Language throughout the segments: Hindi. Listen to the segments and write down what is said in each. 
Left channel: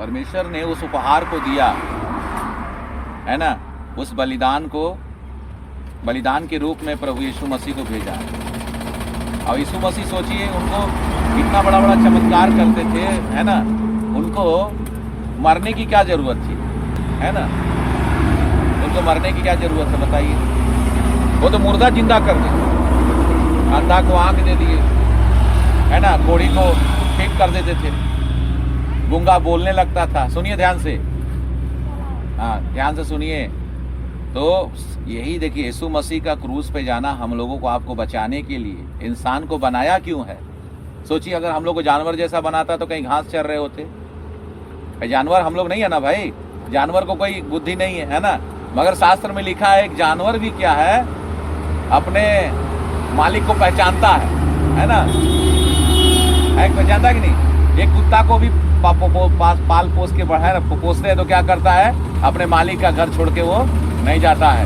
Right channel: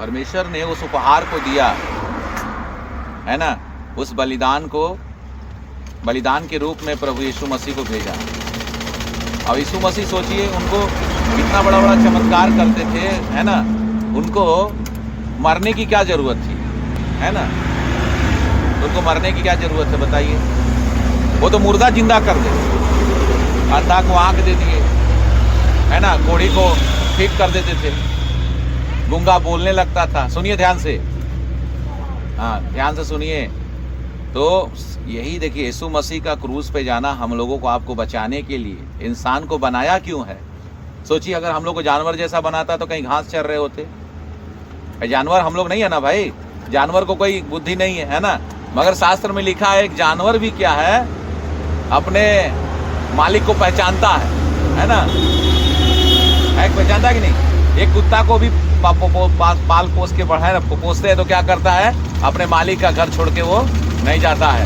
परमेश्वर ने उस उपहार को दिया है ना, उस बलिदान को, बलिदान के रूप में प्रभु यीशु मसीह को भेजा। और यीशु मसीह सोचिए, उनको इतना बड़ा बड़ा चमत्कार करते थे, है ना, उनको मरने की क्या जरूरत थी, है ना, उनको मरने की क्या जरूरत है बताइए। वो तो मुर्दा जिंदा कर दे, अंधा को आंख दे दिए, है ना, कोढ़ी को ठीक कर देते थे, गूंगा बोलने लगता था। सुनिए ध्यान से, हाँ ध्यान से सुनिए। तो यही देखिए, यीशु मसीह का क्रूस पे जाना हम लोगों को, आपको बचाने के लिए। इंसान को बनाया क्यों है? सोचिए, अगर हम लोग को जानवर जैसा बनाता तो कहीं घास चर रहे होते। जानवर हम लोग नहीं है ना भाई, जानवर को कोई बुद्धि नहीं है ना। मगर शास्त्र में लिखा है, एक जानवर भी क्या है, अपने मालिक को पहचानता है ना, एक पहचानता है कि नहीं। एक कुत्ता को भी पाल पोस के बढ़ाए पोसते हैं तो क्या करता है, अपने मालिक का घर छोड़ के वो नहीं जाता है।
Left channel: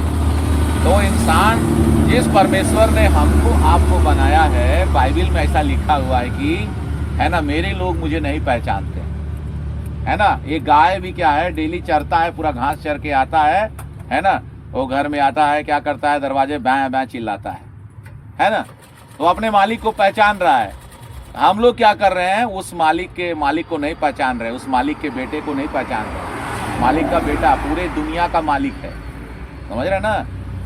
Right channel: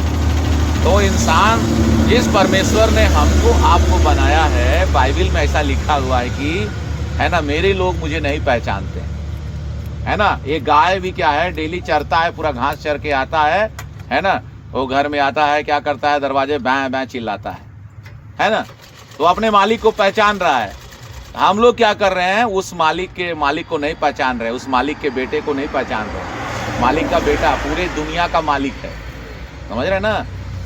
तो इंसान, जिस परमेश्वर ने हमको आपको बनाया है, बाइबल में ऐसा लिखा हुआ है कि, है ना, मेरे लोग मुझे नहीं पहचानते, है ना। ये गाय भी क्या है, डेली चरता है, पूरा घास चर के आता है ना, वो घर में आता है, क्या करता है, दरवाजे बैं बैं चिल्लाता है ना, तो अपने मालिक को पहचान रहा है। हम लोग क्या कर रहे हैं, उस मालिक को नहीं पहचान रहे, उस मालिक के बेटे को नहीं पहचान रहे। मालिक का बेटा पूरे दुनिया का मालिक है, समझ रहे ना,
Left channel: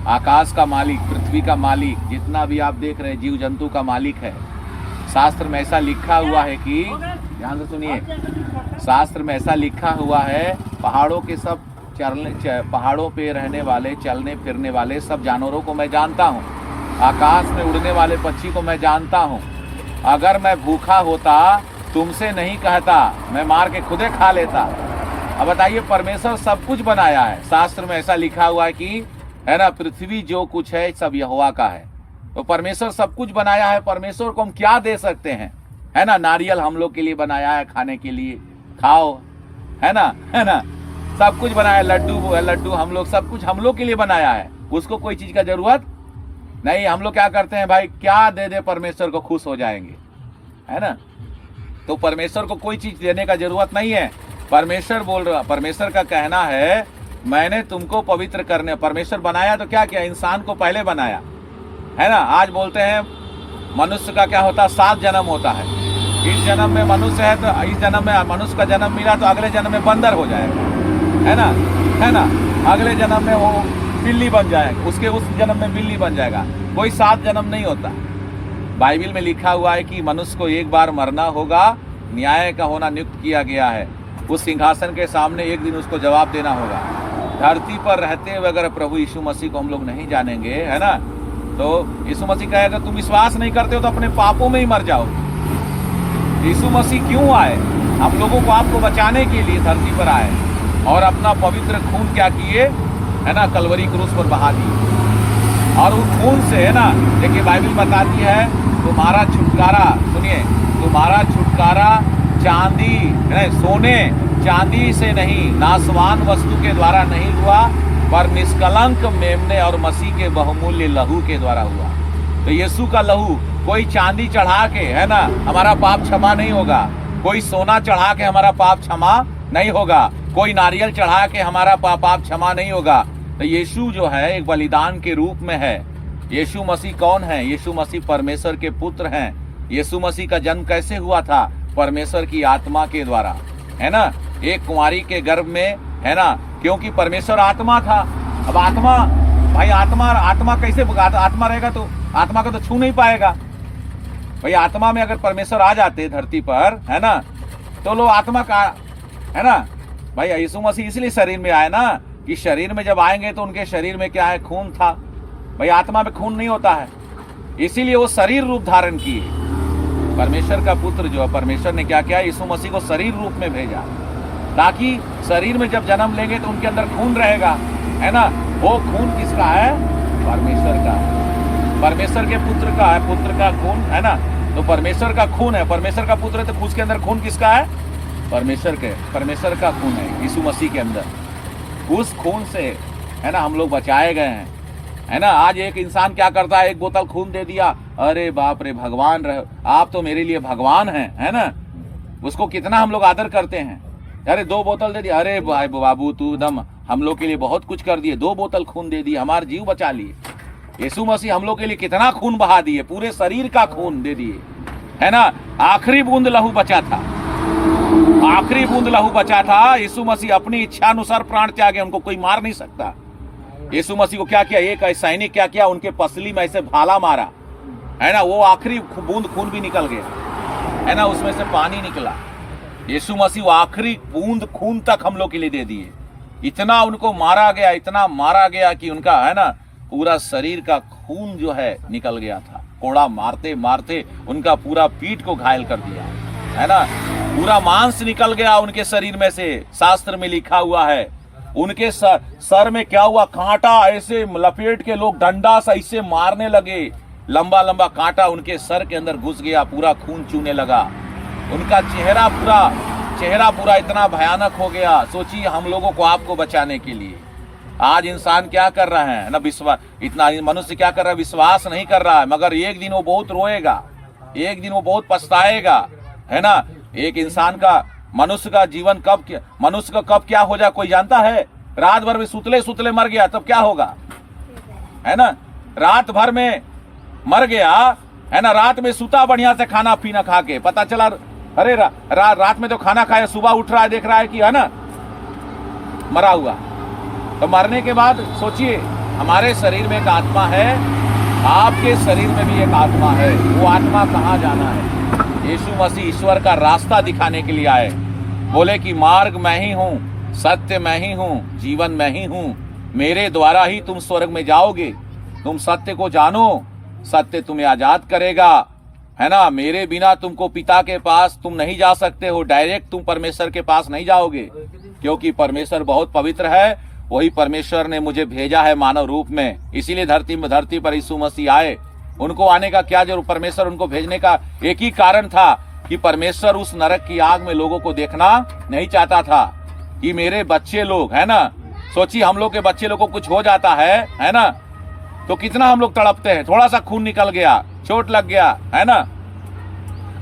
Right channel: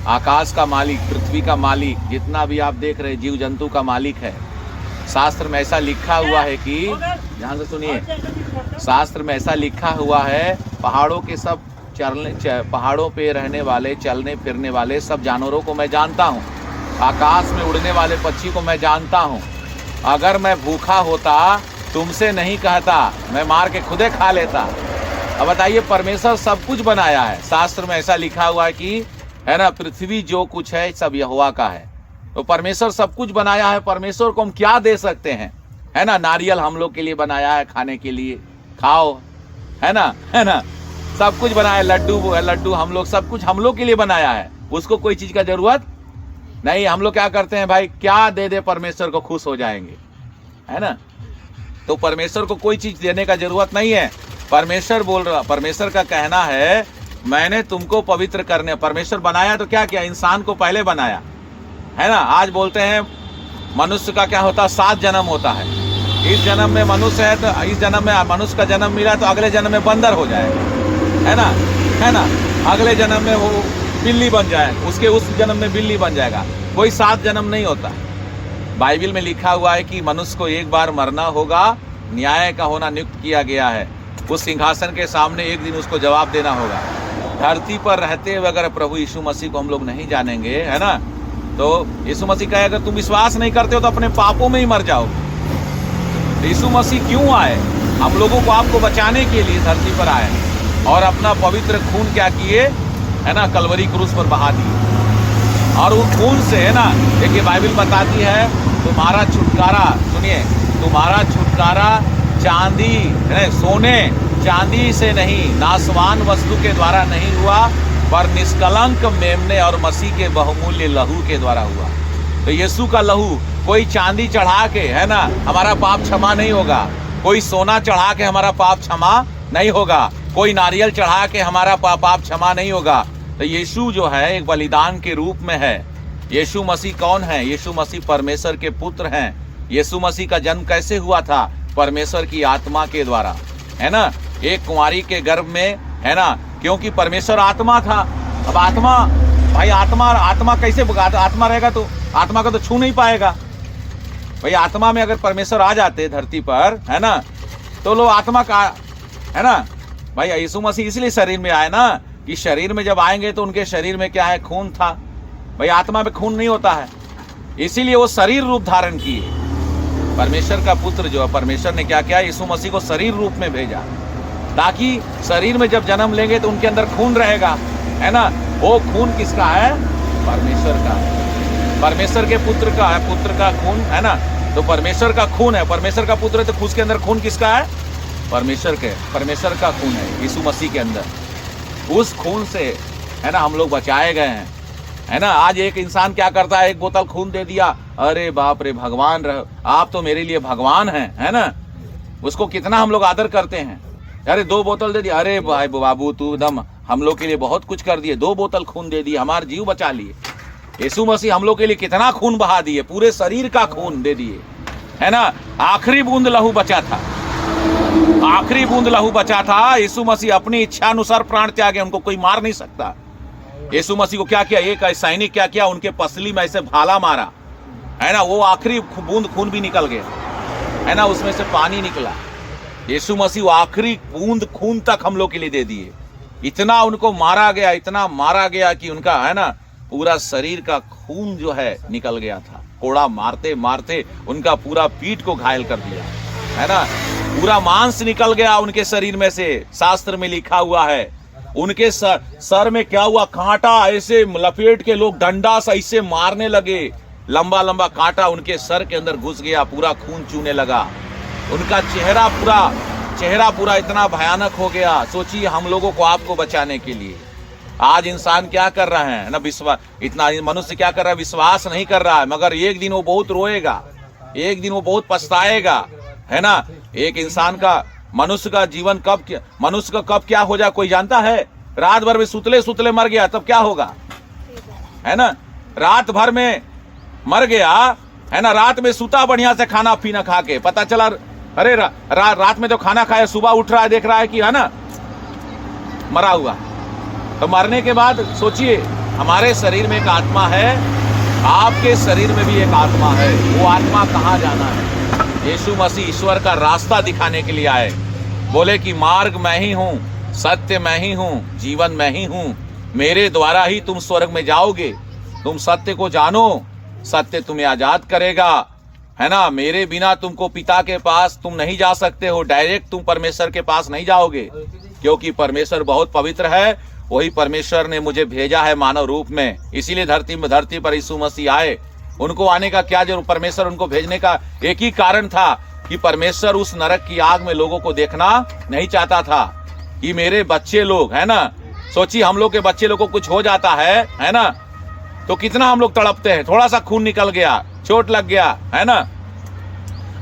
आकाश का मालिक, पृथ्वी का मालिक, जितना भी आप देख रहे जीव जंतु का मालिक है। शास्त्र में ऐसा लिखा हुआ है कि, ध्यान से सुनिए, शास्त्र में ऐसा लिखा हुआ है, पहाड़ों के सब पहाड़ों पे रहने वाले, चलने फिरने वाले सब जानवरों को मैं जानता हूँ, आकाश में उड़ने वाले पक्षी को मैं जानता हूँ। अगर मैं भूखा होता तुमसे नहीं कहता, मैं मार के खुदे खा लेता। अब बताइए, परमेश्वर सब कुछ बनाया है। शास्त्र में ऐसा लिखा हुआ है कि, है ना, पृथ्वी जो कुछ है सब यहोवा का है। तो परमेश्वर सब कुछ बनाया है, परमेश्वर को हम क्या दे सकते हैं, है ना। नारियल हम लोग के लिए बनाया है, खाने के लिए, खाओ, है ना, सब कुछ बनाया है। लड्डू हम लोग, सब कुछ हम लोग के लिए बनाया है, उसको कोई चीज का जरूरत नहीं। हम लोग क्या करते हैं भाई, क्या दे दे परमेश्वर को, खुश हो जाएंगे, है ना। तो परमेश्वर को कोई चीज देने का जरूरत नहीं है। परमेश्वर बोल रहा, परमेश्वर का कहना है, मैंने तुमको पवित्र करने, परमेश्वर बनाया तो क्या किया, इंसान को पहले बनाया, है ना। आज बोलते हैं मनुष्य का क्या होता है, 7 जन्म होता है। इस जन्म में मनुष्य है तो इस जन्म में मनुष्य का जन्म मिला, तो अगले जन्म में बंदर हो जाएगा, है ना। अगले जन्म में वो बिल्ली बन जाए, उसके उस जन्म में बिल्ली बन जाएगा। कोई 7 जन्म नहीं होता। बाइबल में लिखा हुआ है कि मनुष्य को एक बार मरना होगा, न्याय का होना नियुक्त किया गया है। उस सिंहासन के सामने एक दिन उसको जवाब देना होगा। धरती पर रहते हुए अगर प्रभु यीशु मसीह को हम लोग नहीं जानेंगे, है ना, तो यीशु मसीह कहे, अगर तुम विश्वास नहीं करते हो तो अपने पापों में ही मर जाओ। यीशु मसीह क्यों आए? हम लोगों को, आपको बचाने के लिए धरती पर आए, और अपना पवित्र खून क्या किए, है ना, कलवरी क्रूस पर बहा दिए। और उस खून से, है ना, देखिए बाइबल बताती है, तुम्हारा छुटकारा, सुनिए, तुम्हारा छुटकारा चांदी नहीं, सोने चांदी से नहीं, नासवान वस्तु के द्वारा नहीं हुआ, पर निष्कलंक मेमने और मसीह के बहुमूल्य लहू के द्वारा हुआ। तो यीशु का लहू, कोई चांदी चढ़ा के, है ना, हमारा पाप क्षमा नहीं होगा। कोई सोना चढ़ा के हमारा पाप क्षमा नहीं होगा। कोई नारियल चढ़ा के हमारा पाप क्षमा नहीं होगा। तो यीशु जो है एक बलिदान के रूप में है। यीशु मसीह कौन है? यीशु मसीह परमेश्वर के पुत्र हैं। यीशु मसीह का जन्म कैसे हुआ था? परमेश्वर की आत्मा के द्वारा, है ना, एक कुंवारी के गर्भ में, है ना, क्योंकि परमेश्वर आत्मा था। अब आत्मा, भाई आत्मा कैसे, आत्मा रहेगा तो आत्मा को तो छू नहीं पाएगा भाई। आत्मा में अगर परमेश्वर आ जाते धरती पर, है ना, तो लोग आत्मा का, है ना भाई। यीशु मसीह इसलिए शरीर में आए ना, कि शरीर में जब आएंगे तो उनके शरीर में क्या है, खून था भाई। आत्मा में खून नहीं होता है, इसीलिए वो शरीर रूप धारण किए। परमेश्वर का पुत्र जो है, परमेश्वर ने क्या किया, यीशु मसीह को शरीर रूप में भेजा, ताकि शरीर में जब जन्म लेंगे तो उनके अंदर खून रहेगा, है ना। वो खून किसका है? परमेश्वर का, परमेश्वर के पुत्र का है, पुत्र का खून, है ना। तो परमेश्वर का खून है, परमेश्वर का पुत्र है, तो उसके अंदर खून किसका है? परमेश्वर का खून है यीशु मसीह के अंदर। उस खून से, है ना, हम लोग बचाए गए हैं, है ना। आज एक इंसान क्या करता है, एक बोतल खून दे दिया, अरे बाप रे, भगवान रहो, आप तो मेरे लिए भगवान हैं, है ना। उसको कितना हम लोग आदर करते हैं, अरे 2 बोतल दे दी, अरे भाई बाबू तू एकदम हम लोग के लिए बहुत कुछ कर दिए, 2 बोतल खून दे दिए, हमारे जीव बचा लिए। यीशु मसीह हम लोग के लिए कितना खून बहा दिए, पूरे शरीर का खून दे दिए, है ना। आखिरी बूंद लहू बचा था, आखिरी बूंद लहू बचा था। यीशु मसीह अपनी इच्छा अनुसार प्राण त्यागे, उनको कोई मार नहीं सकता। यीशु मसीह को क्या किया, एक सैनिक क्या किया, उनके पसली में ऐसे भाला मारा, है ना, वो आखिरी बूंद खून भी निकल गया, है ना, उसमें से पानी निकला। यीशु मसीह वो आखिरी बूंद खून तक हम लोग के लिए दे दिए। इतना उनको मारा गया, इतना मारा गया कि उनका, है ना, पूरा शरीर का खून जो है निकल गया था। कोड़ा मारते मारते उनका पूरा पीठ को घायल कर दिया, है ना, पूरा मांस निकल गया उनके शरीर में से। शास्त्र में लिखा हुआ है उनके सर में क्या हुआ, कांटा ऐसे लपेट के लोग डंडा से ऐसे मारने लगे, लंबा लंबा कांटा उनके सर के अंदर घुस गया, पूरा खून चूने लगा। उनका चेहरा पूरा इतना भयानक हो गया। सोचिए हम लोगों को, आपको बचाने के लिए आज इंसान क्या कर रहा है ना, विश्वास, इतना मनुष्य क्या कर रहा है, विश्वास नहीं कर रहा है, मगर एक दिन वो बहुत रोएगा, एक दिन वो बहुत पछताएगा, है ना। एक इंसान का, मनुष्य का जीवन मनुष्य का कब क्या हो जाए कोई जानता है। रात भर में सुतले सुतले मर गया तब क्या होगा, है ना, रात भर में मर गया, है ना, रात में सुता बढ़िया से खाना पीना खा के, पता चला अरे रात में तो खाना खाया, सुबह उठ रहा है देख रहा है कि, है ना, मरा हुआ। तो मरने के बाद सोचिए, हमारे शरीर में एक आत्मा है, आपके शरीर में भी एक आत्मा है, वो आत्मा कहाँ जाना है। यीशु मसीह ईश्वर का रास्ता दिखाने के लिए आए, बोले कि मार्ग मैं ही हूँ, सत्य मैं ही हूँ, जीवन मैं ही हूँ, मेरे द्वारा ही तुम स्वर्ग में जाओगे। तुम सत्य को जानो, सत्य तुम्हें आजाद करेगा, है ना। मेरे बिना तुमको पिता के पास तुम नहीं जा सकते हो, डायरेक्ट तुम परमेश्वर के पास नहीं जाओगे, क्योंकि परमेश्वर बहुत पवित्र है। वही परमेश्वर ने मुझे भेजा है मानव रूप में, इसीलिए धरती पर यीशु मसीह आए। उनको आने का क्या जरूर, परमेश्वर उनको भेजने का एक ही कारण था कि परमेश्वर उस नरक की आग में लोगों को देखना नहीं चाहता था कि मेरे बच्चे लोग, है ना, सोचिए हम लोग के बच्चे लोग को कुछ हो जाता है ना, तो कितना हम लोग तड़पते हैं, थोड़ा सा खून निकल गया, चोट लग गया, है ना।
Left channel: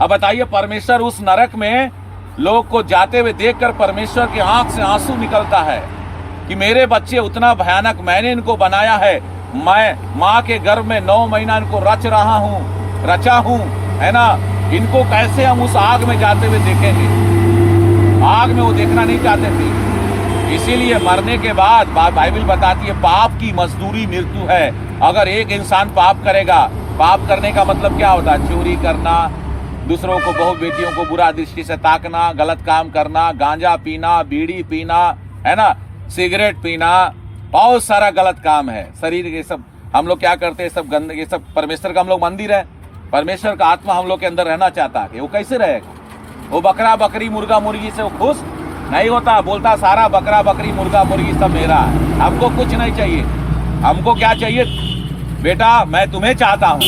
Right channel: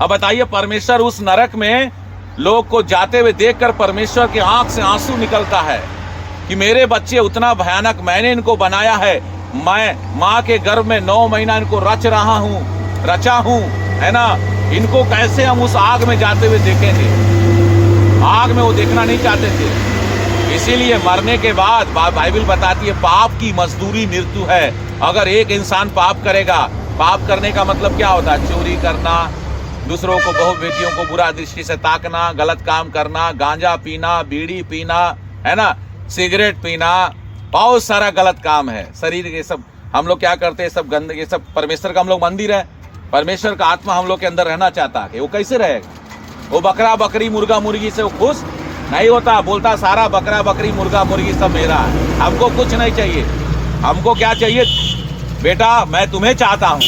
अब बताइए, परमेश्वर उस नरक में लोग को जाते हुए देखकर परमेश्वर के आंख से आंसू निकलता है कि मेरे बच्चे उतना भयानक, मैंने इनको बनाया है, मैं माँ के गर्भ में 9 महीना इनको रचा हूँ, है ना, इनको कैसे हम उस आग में जाते हुए देखेंगे। आग में वो देखना नहीं चाहते थे, इसीलिए मरने के बाद बाइबल बताती है पाप की मजदूरी मृत्यु है। अगर एक इंसान पाप करेगा, पाप करने का मतलब क्या होता है, चोरी करना, दूसरों को, बहू बेटियों को बुरा दृष्टि से ताकना, गलत काम करना, गांजा पीना, बीड़ी पीना, है ना, सिगरेट पीना, बहुत सारा गलत काम है। शरीर के सब हम लोग क्या करते हैं, सब गंदगी, सब परमेश्वर का हम लोग मंदिर है, परमेश्वर का आत्मा हम लोग के अंदर रहना चाहता है, वो कैसे रहेगा। वो बकरा बकरी मुर्गा मुर्गी से वो खुश नहीं होता, बोलता सारा बकरा बकरी मुर्गा मुर्गी सब मेरा है, हमको कुछ नहीं चाहिए। हमको क्या चाहिए, बेटा मैं तुम्हें चाहता हूँ,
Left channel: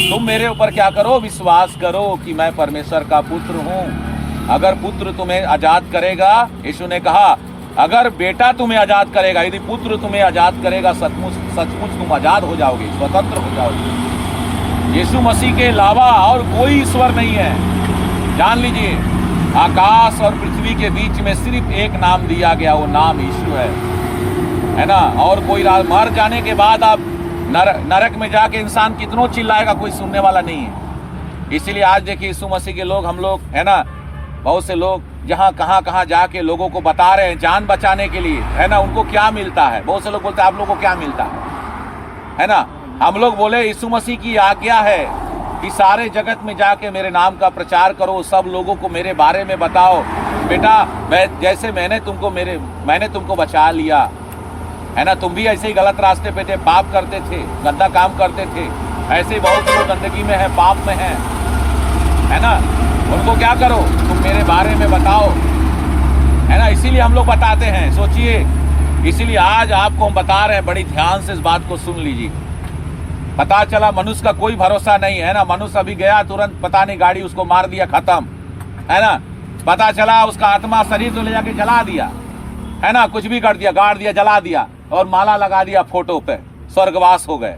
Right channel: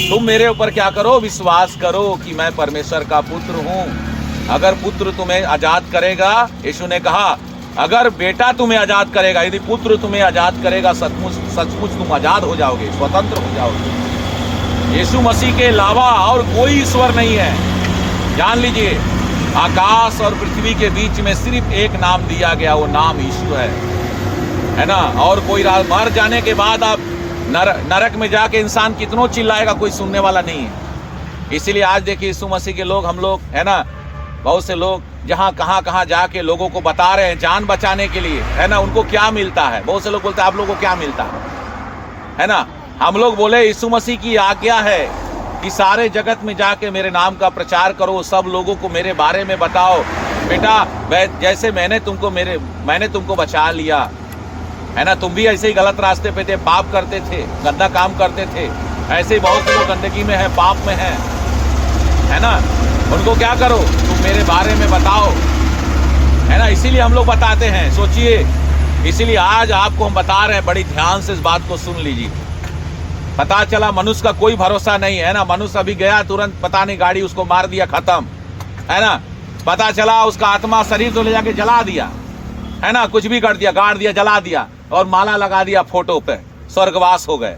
तुम मेरे ऊपर क्या करो, विश्वास करो कि मैं परमेश्वर का पुत्र हूँ। अगर पुत्र तुम्हें आजाद करेगा, यीशु ने कहा अगर बेटा तुम्हें आजाद करेगा, यदि पुत्र तुम्हें आजाद करेगा, सचमुच तुम आजाद हो जाओगे, स्वतंत्र हो जाओगे। यीशु मसीह के अलावा और कोई ईश्वर नहीं है। जान लीजिए, आकाश और पृथ्वी के बीच में सिर्फ एक नाम दिया गया, वो नाम यीशु है ना। और कोई मर जाने के बाद आप नरक में जाके इंसान कितनों चिल्लाएगा, कोई सुनने वाला नहीं है। इसीलिए आज देखिए यीशु मसीह के लोग, हम लोग, है ना, बहुत से लोग जहाँ कहाँ जाके लोगों को बता रहे हैं जान बचाने के लिए, है ना, उनको क्या मिलता है। बहुत से लोग बोलते हैं आप लोगों को क्या मिलता है ना। हम लोग बोले यीशु मसीह की आज्ञा है कि सारे जगत में जाके मेरे नाम का प्रचार करो, सब लोगों को मेरे बारे में बताओ। बेटा जैसे मैंने तुमको बचा लिया, है ना, तुम भी ऐसे ही गलत रास्ते पे थे, पाप करते थे, गंदा काम करते थे, ऐसे ही बहुत लोग गंदगी में है, पाप में है ना। उनको क्या करो, तुम मेरे बारे में बताओ, है ना। इसीलिए हम लोग बताते हैं, सोचिए, इसीलिए आज आपको हम बता रहे हैं, बड़ी ध्यान से इस बात को सुन लीजिए। पता चला मनुष्य का कोई भरोसा नहीं है ना, मनुष्य अभी गया तुरंत, पता नहीं गाड़ी उसको मार दिया, खत्म, है ना। पता चला उसका आत्मा शरीर तो ले जाके जला दिया, है ना, कुछ भी कर दिया, गाड़ दिया, जला दिया और माला लगा दिया फोटो पे, स्वर्गवास हो गए।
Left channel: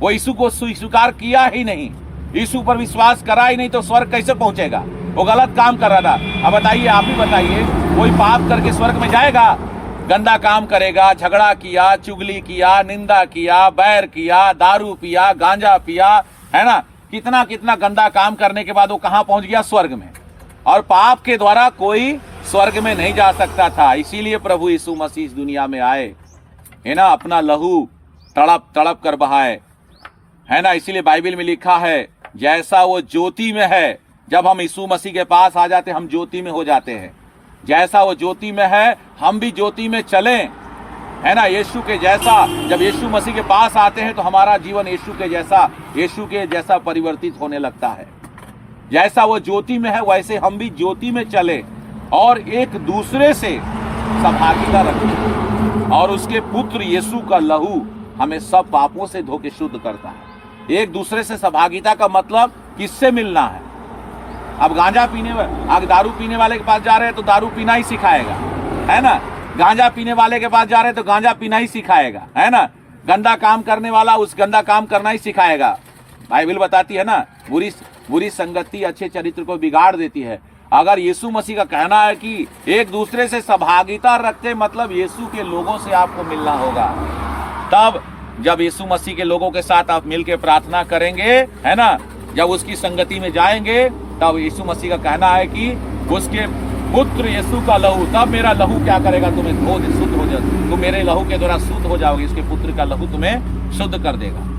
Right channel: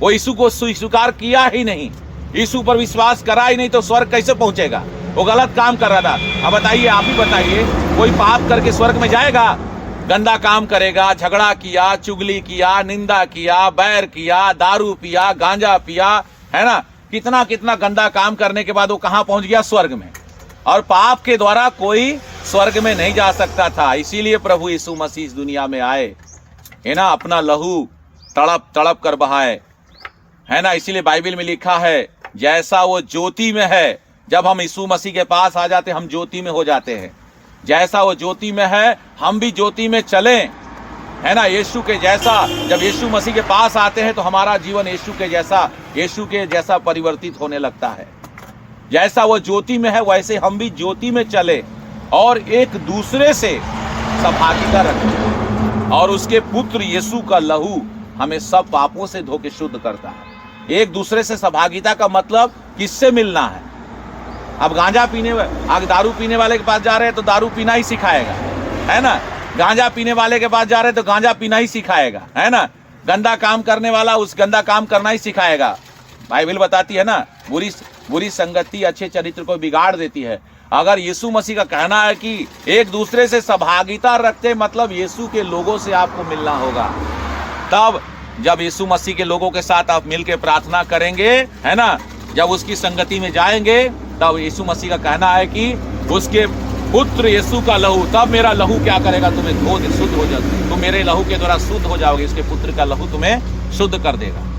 वो यीशु को स्वीकार किया ही नहीं, यीशु पर विश्वास करा ही नहीं, तो स्वर्ग कैसे पहुंचेगा। वो गलत काम कर रहा था। अब बताइए, आप ही बताइए, कोई पाप करके स्वर्ग में जाएगा? गंदा काम करेगा, झगड़ा किया, चुगली किया, निंदा किया, बैर किया, दारू पिया, गांजा पिया, है ना, कितना कितना गंदा काम करने के बाद वो कहां पहुंच गया? स्वर्ग में। और पाप के द्वारा कोई स्वर्ग में नहीं जा सकता था। इसीलिए प्रभु यीशु मसीह इस दुनिया में आए, है ना, अपना लहू तड़प तड़प कर बहाए, है ना। इसीलिए बाइबल में लिखा है, जैसा वो ज्योति में है, जब हम यीशु मसीह के पास आ जाते हम ज्योति में हो जाते हैं। जैसा वो ज्योति में है, हम भी ज्योति में चलें, है ना। यीशु के जैसा, जब यीशु मसीह के पास आते हैं तो हमारा जीवन यीशु के जैसा परिवर्तित होने लगता है। जैसा वो ज्योति में है वैसे हम भी ज्योति में चले और एक दूसरे से सहभागिता रखें। और उसके पुत्र यीशु का लहू हमें सब पापों से धो के शुद्ध करता है। एक दूसरे से सहभागिता का मतलब किससे मिलना है? अब गांजा पीने, अब दारू पीने वाले के पास जा रहे हैं तो दारू पीना ही सिखाएगा, है ना। गांजा पीने वाले के पास जा रहे हैं तो गांजा पीना ही सिखाएगा, है ना। गंदा काम करने वाला उस गंदा काम करना ही सिखाएगा। बाइबल बताती है ना, बुरी संगति अच्छे चरित्र को बिगाड़ देती है। अगर यीशु मसीह का कहना है कि एक दूसरे से सहभागिता रखते, मतलब यीशु के लोगों से आपको मिलना होगा। तब जब यीशु मसीह के लोगों के साथ आप मिलकर प्रार्थना करेंगे, है ना, जब उसकी संगति में जाएंगे, तब यीशु मसीह का कहना है कि उसके पुत्र यीशु का लहू, तब मेरा लहू क्या करेगा? तुम्हें धो दे, शुद्ध हो जाए। तुम मेरे लहू के द्वारा शुद्ध हो जाओगे, इसके पुत्र का लहू तुम्हें शुद्ध कर देगा।